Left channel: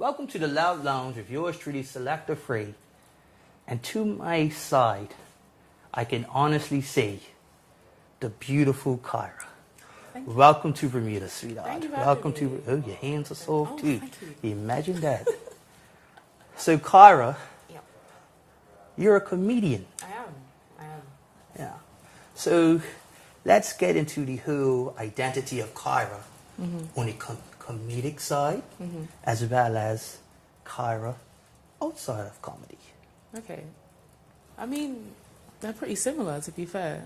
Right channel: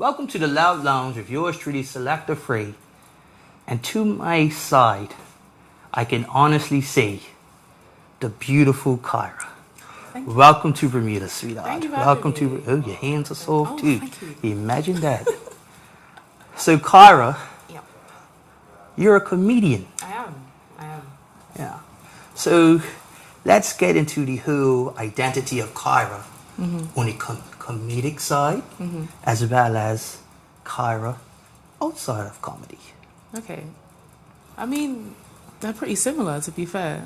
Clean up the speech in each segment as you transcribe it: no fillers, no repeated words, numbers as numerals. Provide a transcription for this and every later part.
Welcome to the Loud Lounge with yours truly, Selector Free. And to my side, I can honestly say, the beautiful Kyrah. Welcome to Bermuda, sweetheart. Thank you for Welcome having me. to, oh, your hands are soft too. Thank you. Imagine that. So Kyrah, Yep. you're a comedian. I am. Yeah. So let's get into the whole identity of Kyrah on the comedic side, as well as Kyrah outside of comedy. Okay. I mean, they're pretty similar, to be fair.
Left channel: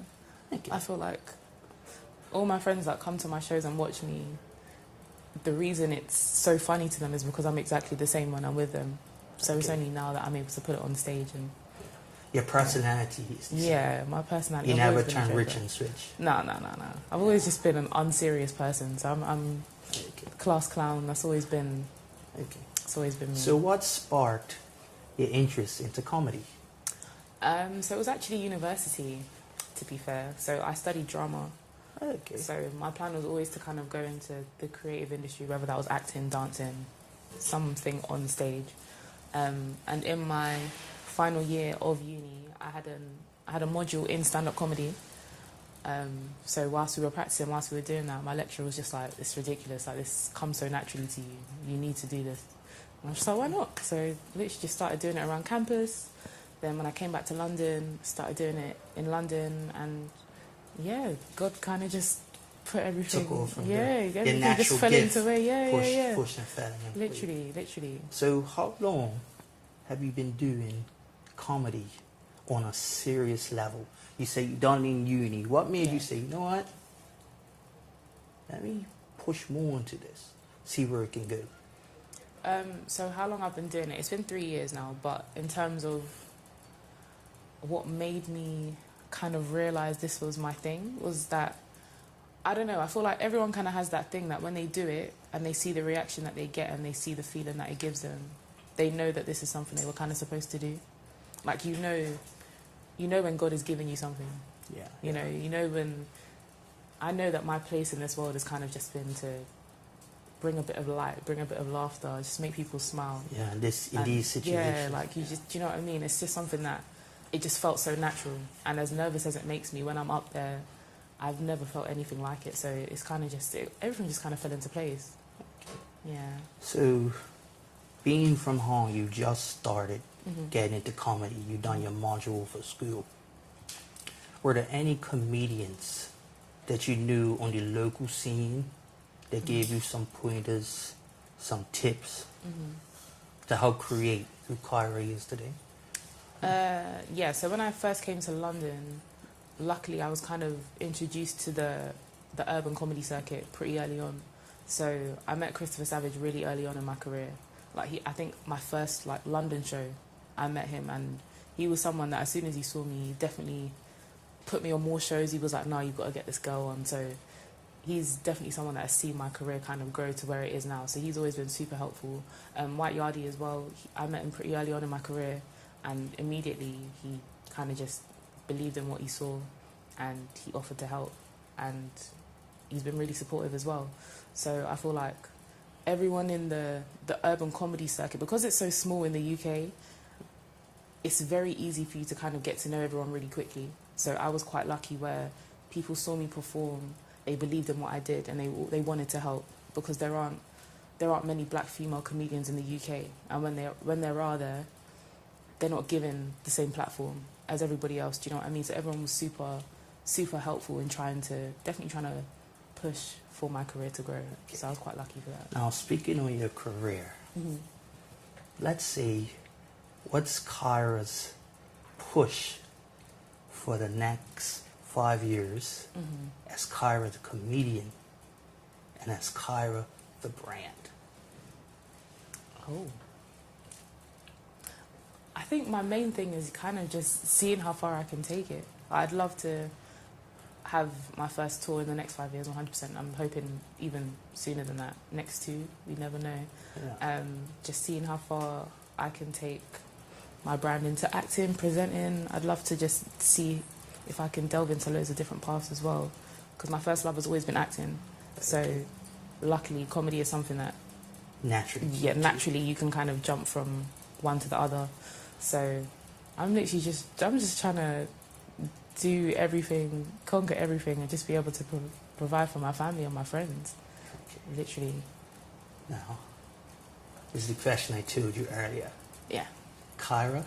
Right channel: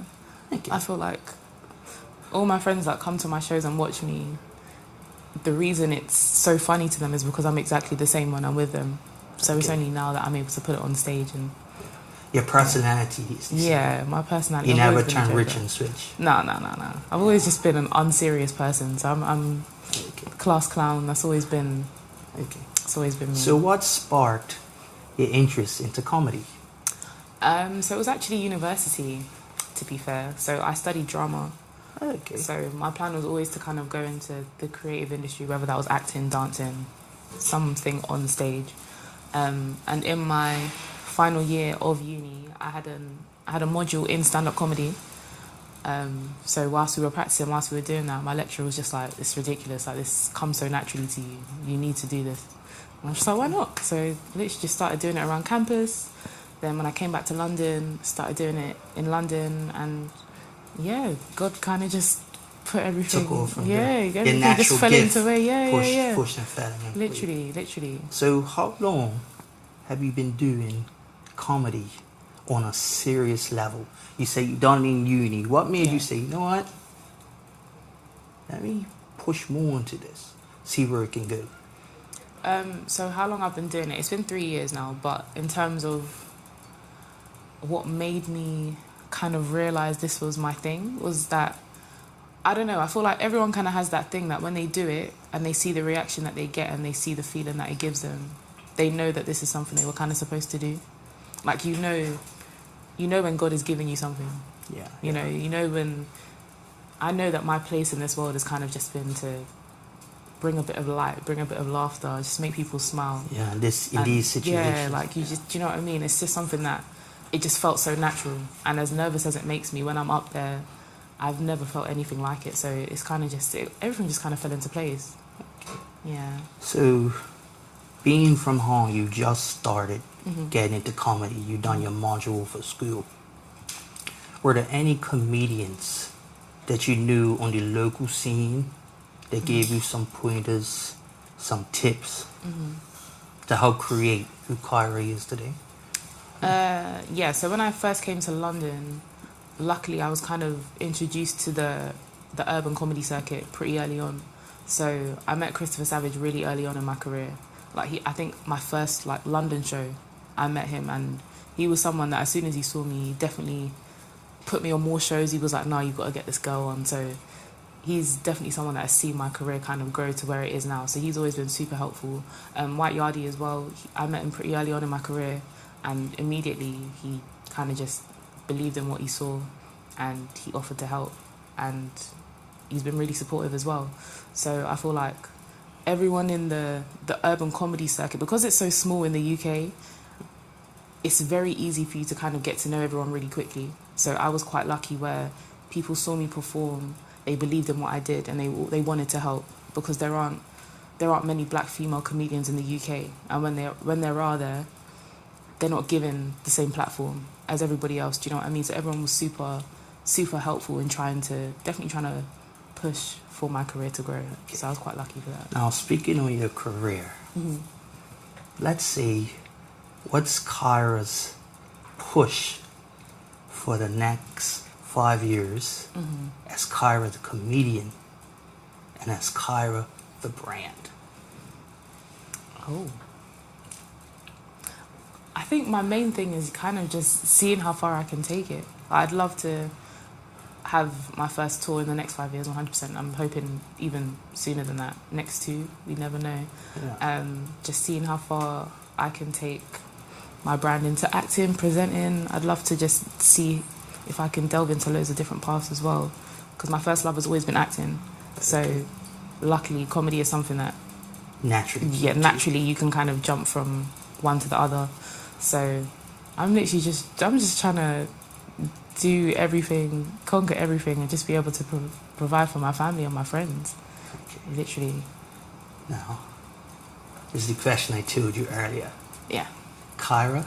Thank you. I feel like all my friends that come to my shows and watch me, the reason it's so funny to them is because I'm exactly the same when I'm with them. So it's only now that I'm able to put it on stage and... Your personality is the same. Yeah, my personality. You I've never always been a turn joker. rich and switch. No. I've always just been an unserious person. So I'm class clown. That's always been... Okay. It's always been me. So what sparked your interest into comedy? So it was actually university, to be fair. So I studied drama. Okay. So my plan was always to kind of go into the creative industry, whether that was acting, dancing, something on stage. And in my final year of uni, I had a module in stand-up comedy. So whilst we were practicing, whilst we were doing that, my lecturer was just like, "It's ridiculous. Like, this comes so naturally to you. You need to do this." And I was just like, "Why not?" So literally just started doing it around campus. Then when I came back to London, started doing it in London, and yeah, God kind of just put everything. Took off from everything natural just fell gift. into it. Yeah. Pushed and fell. Literally. So how long have you been doing comedy on a serious level? You say you done it in uni. What made you say, you know what? Let me push more into this. See where it can go. So how long I've been doing it? It's been 3 years now, but in terms of what made me kind of realize this was my thing was that, I don't know, I feel like everyone kind of has that thing that when they do it and they see the reaction that they get and they see the feeling that it gives them, they know that this is something they were kind of supposed to do. Like, you know when God is giving you something. Yeah. You know when... I know that my place in this world has kind of just been to bring a bit of light, bring a bit of laughter, just make people smile. Yeah, in these situations. Yeah, like, you just... Do you know what I mean? It's just something that... It just felt so natural. And as nervous as it makes me, when I'm up there, I've never felt anything like it. So it's kind of just... everything just kind of fell into place. Yeah. So, being from home, you just started getting into comedy. You done your module for school. Were there any comedians that you knew on the local scene that gave you some pointers, some tips to help create who Kyrah is today? Yeah, so when I first came to London, luckily I was kind of introduced to the urban comedy circuit pretty early on. So I met Christopher Savage really early on in my career. I think my first London show, I met him, and he was someone that as soon as he saw me, he definitely put me on more shows. He was like, "No, you've got to get this girl on." So he's definitely someone that has seen my career kind of grow to where it is now. So he's always been super helpful. White Yardie as well, I met him pretty early on in my career, and immediately he kind of just believed in what he saw and he offered to help, and he's been really supportive as well. So I feel like everyone in the urban comedy circuit, because it's so small in the UK, it's very easy for you to kind of get to know everyone really quickly. So I was quite lucky where people saw me perform, they believed in what I did, and they wanted to help, because there aren't many black female comedians in the UK, and when there are, they're not given the same platform as everybody else. Do you know what I mean? So everyone was super helpful in definitely trying to push for my career to grow. So I was quite lucky for that. Now, speaking on your career, let's say, what's Kyrah's push for the next 5 years as Kyrah the comedian and as Kyrah the brand? Oh. I think my main thing is kind of just seeing how far I can take it. I'd love to have my first tour in the next 5 years, 100%. I'm hoping even sooner than that. Next 2, we never know. Yeah. Just seeing how far I can take my brand into acting, presenting. I'd love to just see if I can delve into loads of different paths as well, because my first love has always been acting. So luckily comedy is something that naturally. Naturally you can kind of jump from one to the other. So I'm just trying to do everything, conquer everything, and just be able to provide for my family and my friends. Okay. Literally. Now, this is the question I told you earlier. Yeah. Kyrah,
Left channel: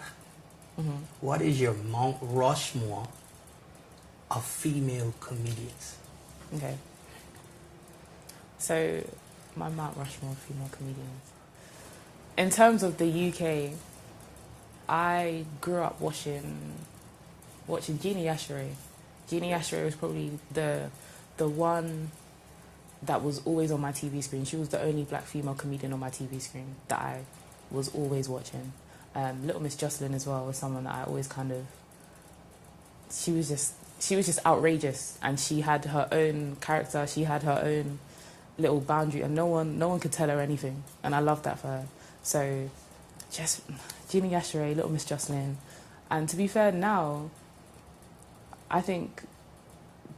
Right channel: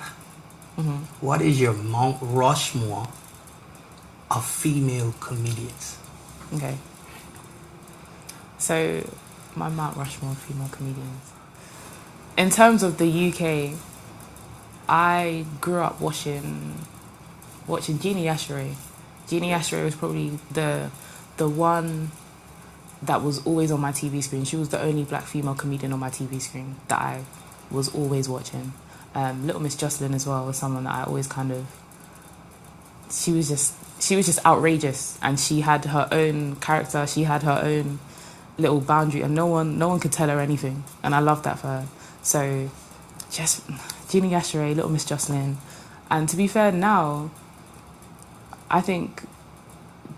what is your Mount Rushmore of female comedians? Okay. So, my Mount Rushmore of female comedians. In terms of the UK, I grew up watching Jeannie Asheray. Jeannie Asheray was probably the one that was always on my TV screen. She was the only black female comedian on my TV screen that I was always watching. Little Miss Jocelyn as well was someone that I always kind of... She was just outrageous, and she had her own character. She had her own little boundary, and no one could tell her anything. And I loved that for her. So, just Jeannie Asheray, Little Miss Jocelyn. And to be fair, now, I think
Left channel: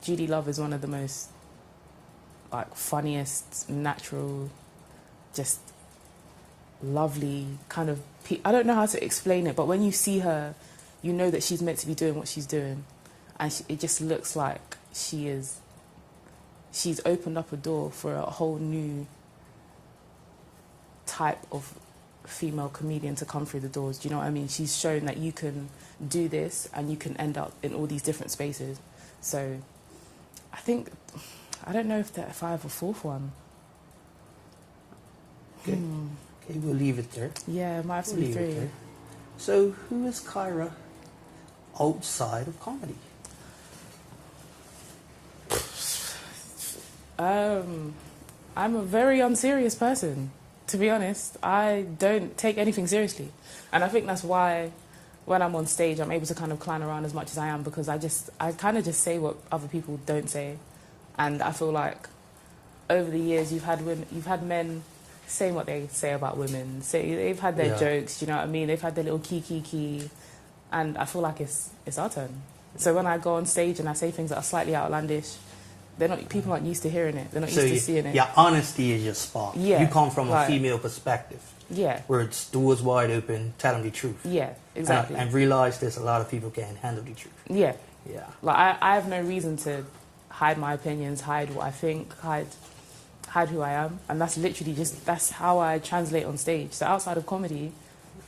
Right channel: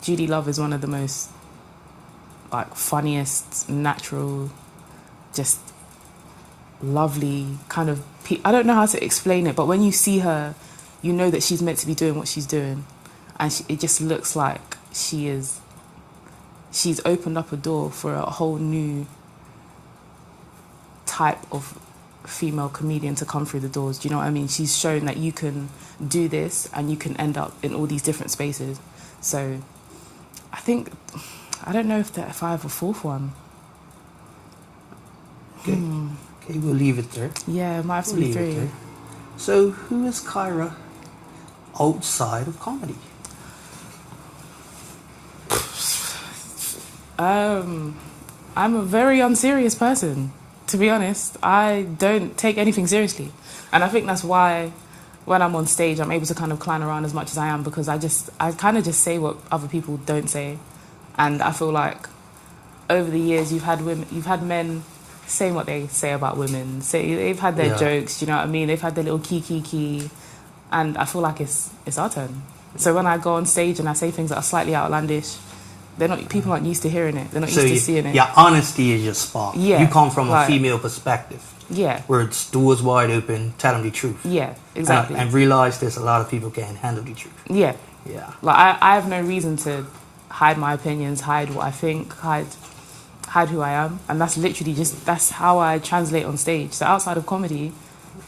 Judy Love is one of the most, like, funniest, natural, just lovely kind of... I don't know how to explain it, but when you see her, you know that she's meant to be doing what she's doing. And it just looks like she's opened up a door for a whole new type of female comedian to come through the doors. Do you know what I mean? She's shown that you can do this and you can end up in all these different spaces. So I think, I don't know if I have a fourth one. Okay. Okay, we'll leave it there. Yeah, it might have to be three. So who is Kyrah outside of comedy? I'm a very unserious person, to be honest. I don't take anything seriously. And I think that's why when I'm on stage, I'm able to kind of clown around as much as I am, because I kind of just say what other people don't say. And I feel like over the years, you've had men saying what they say about women. They've had their jokes, you know what I mean? They've had their little key. And I feel like it's our turn. So when I go on stage and I say things that are slightly outlandish, people aren't used to hearing it. They're not used to seeing it. Yeah, honesty is your spot. Yeah, you come from a female perspective. Yeah. Where it's doors wide open, tell them the truth. Yeah, exactly. And realize there's a lot of people can't handle the truth. Yeah. Yeah. Like, I have no reason to hide my opinions, hide what I think, hide who I am. And that's literally that's how I translate on stage. So outside of comedy,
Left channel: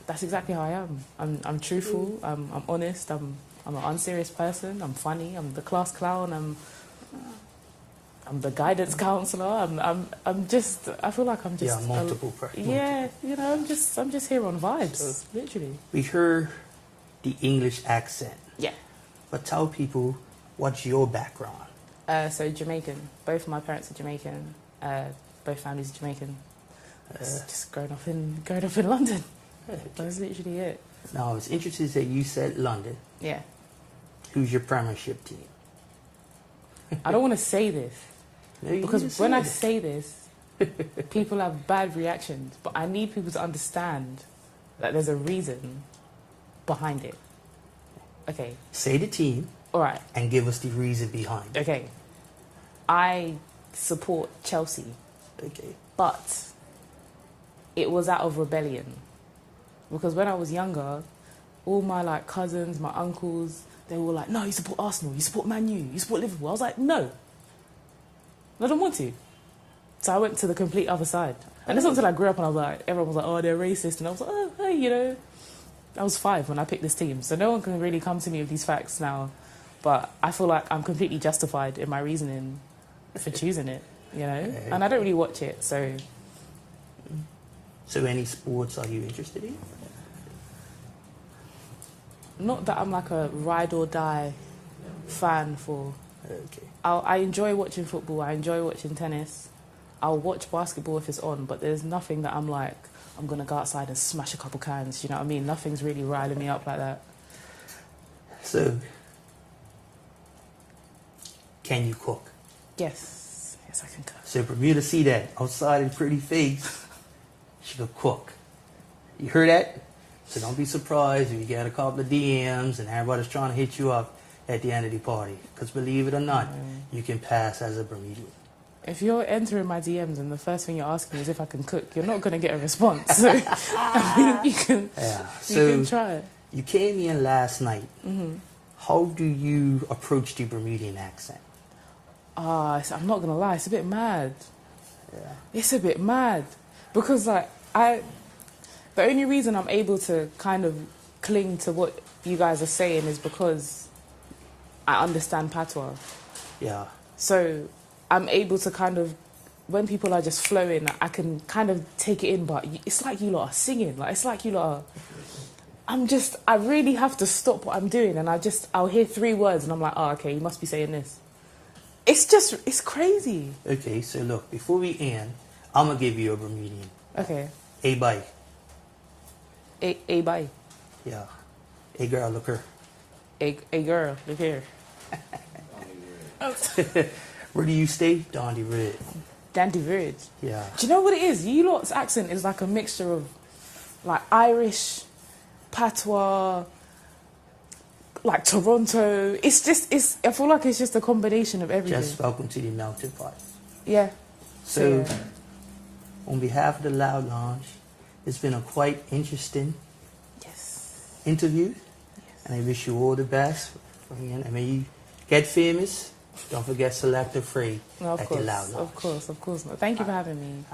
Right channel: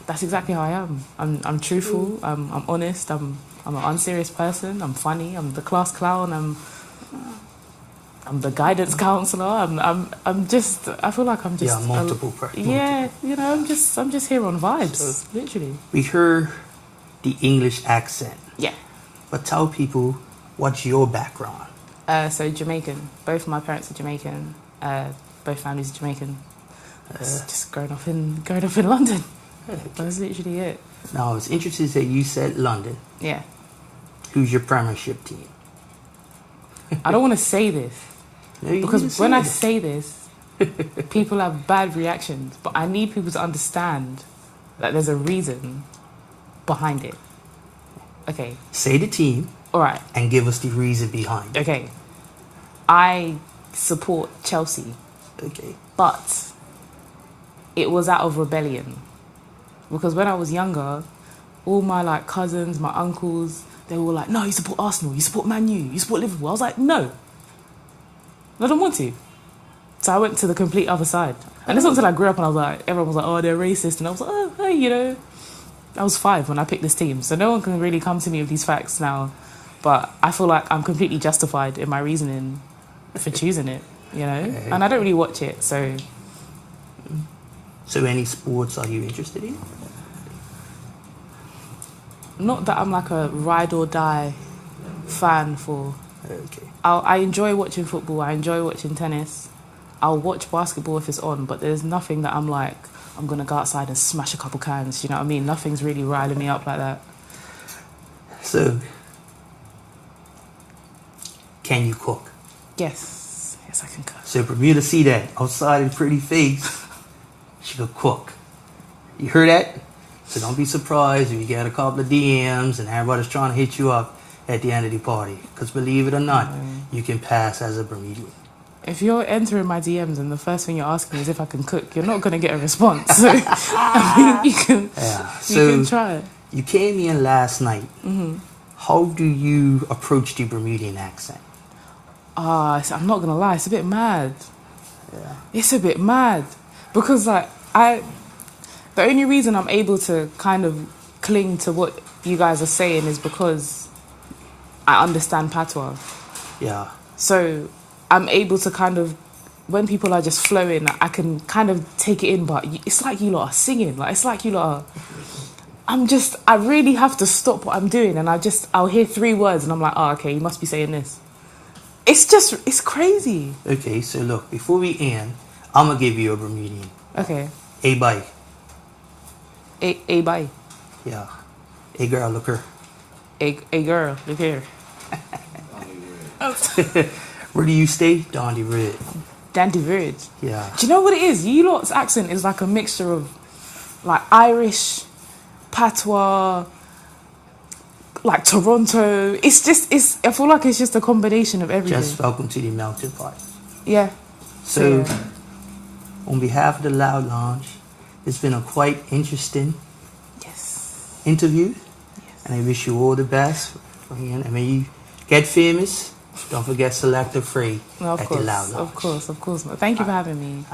that's exactly how I am. I'm truthful, I'm honest, I'm an unserious person, I'm funny, I'm the class clown, I'm the guidance counselor. I feel like I'm just multiple. Yeah, you know, I'm just here on vibes, so, literally. We heard the English accent. Yeah. But tell people, what's your background? So Jamaican. Both of my parents are Jamaican. Both families are Jamaican. Just growing up in London. Okay. That's literally it. Now, I was interested that you said London. Yeah. Who's your Premiership team? I don't want to say this. No, because when I say this, people have bad reactions. But I need people to understand that there's a reason behind it. Okay. Say the team. All right. And give us the reason behind it. Okay. I support Chelsea. Okay. But it was out of rebellion. Because when I was younger, all my cousins, my uncles, they were like, no, you support Arsenal, you support Man U, you support Liverpool. I was like, no. I don't want to. So I went to the complete other side. And it's not until I grew up and I was like, everyone was like, oh, they're racist. And I was like, oh, hey, you know. I was 5 when I picked this team. So no one can really come to me with these facts now. But I feel like I'm completely justified in my reasoning for choosing it, you know. Okay. And I don't really watch it, so... So any sports are you interested in? Not that I'm like a ride or die fan for. Okay. I enjoy watching football. I enjoy watching tennis. I'll watch basketball if it's on, but there's nothing that I'm like, I'm going to go outside and smash a couple cans, you know what I mean? Nothing's really riling me up like that. So, can you cook? Yes. Yes, I can cook. So Bermuda see that outside in pretty face, she could cook. You heard that? So don't be surprised if you get a couple of DMs and everybody's trying to hit you up at the end of the party. Because believe it or not, you can pass as a Bermudian. If you're entering my DMs and the first thing you're asking is if I can cook, you're not going to get a response. So, I mean, you can try it. You came in last night. Mm-hmm. How do you approach the Bermudian accent? I'm not going to lie, it's a bit mad. Yeah. It's a bit mad. Because, like, the only reason I'm able to kind of cling to what you guys are saying is because I understand patois. Yeah. So I'm able to kind of, when people are just flowing, I can kind of take it in, but it's like you lot are singing. Like, it's like you lot are... I really have to stop what I'm doing, and I'll hear 3 words, and I'm like, oh, okay, you must be saying this. It's crazy. Okay, so look, before we end, I'm going to give you a Bermudian. Okay. A bye. A bye. Yeah. A girl, look her. A girl, look here. Where do you stay? Dandy Red. Dandy Red. Yeah. Do you know what it is? You lot's accent is like a mixture of like Irish, patois, like Toronto. I feel like it's just a combination of everything. Just welcome to the melting pot. Yeah. So, on behalf of the Loud Lounge, it's been a quite interesting interview. Yes. And I wish you all the best. And when you get famous, don't forget Selector Free at the Loud Lounge. Of course. Thank you for having me.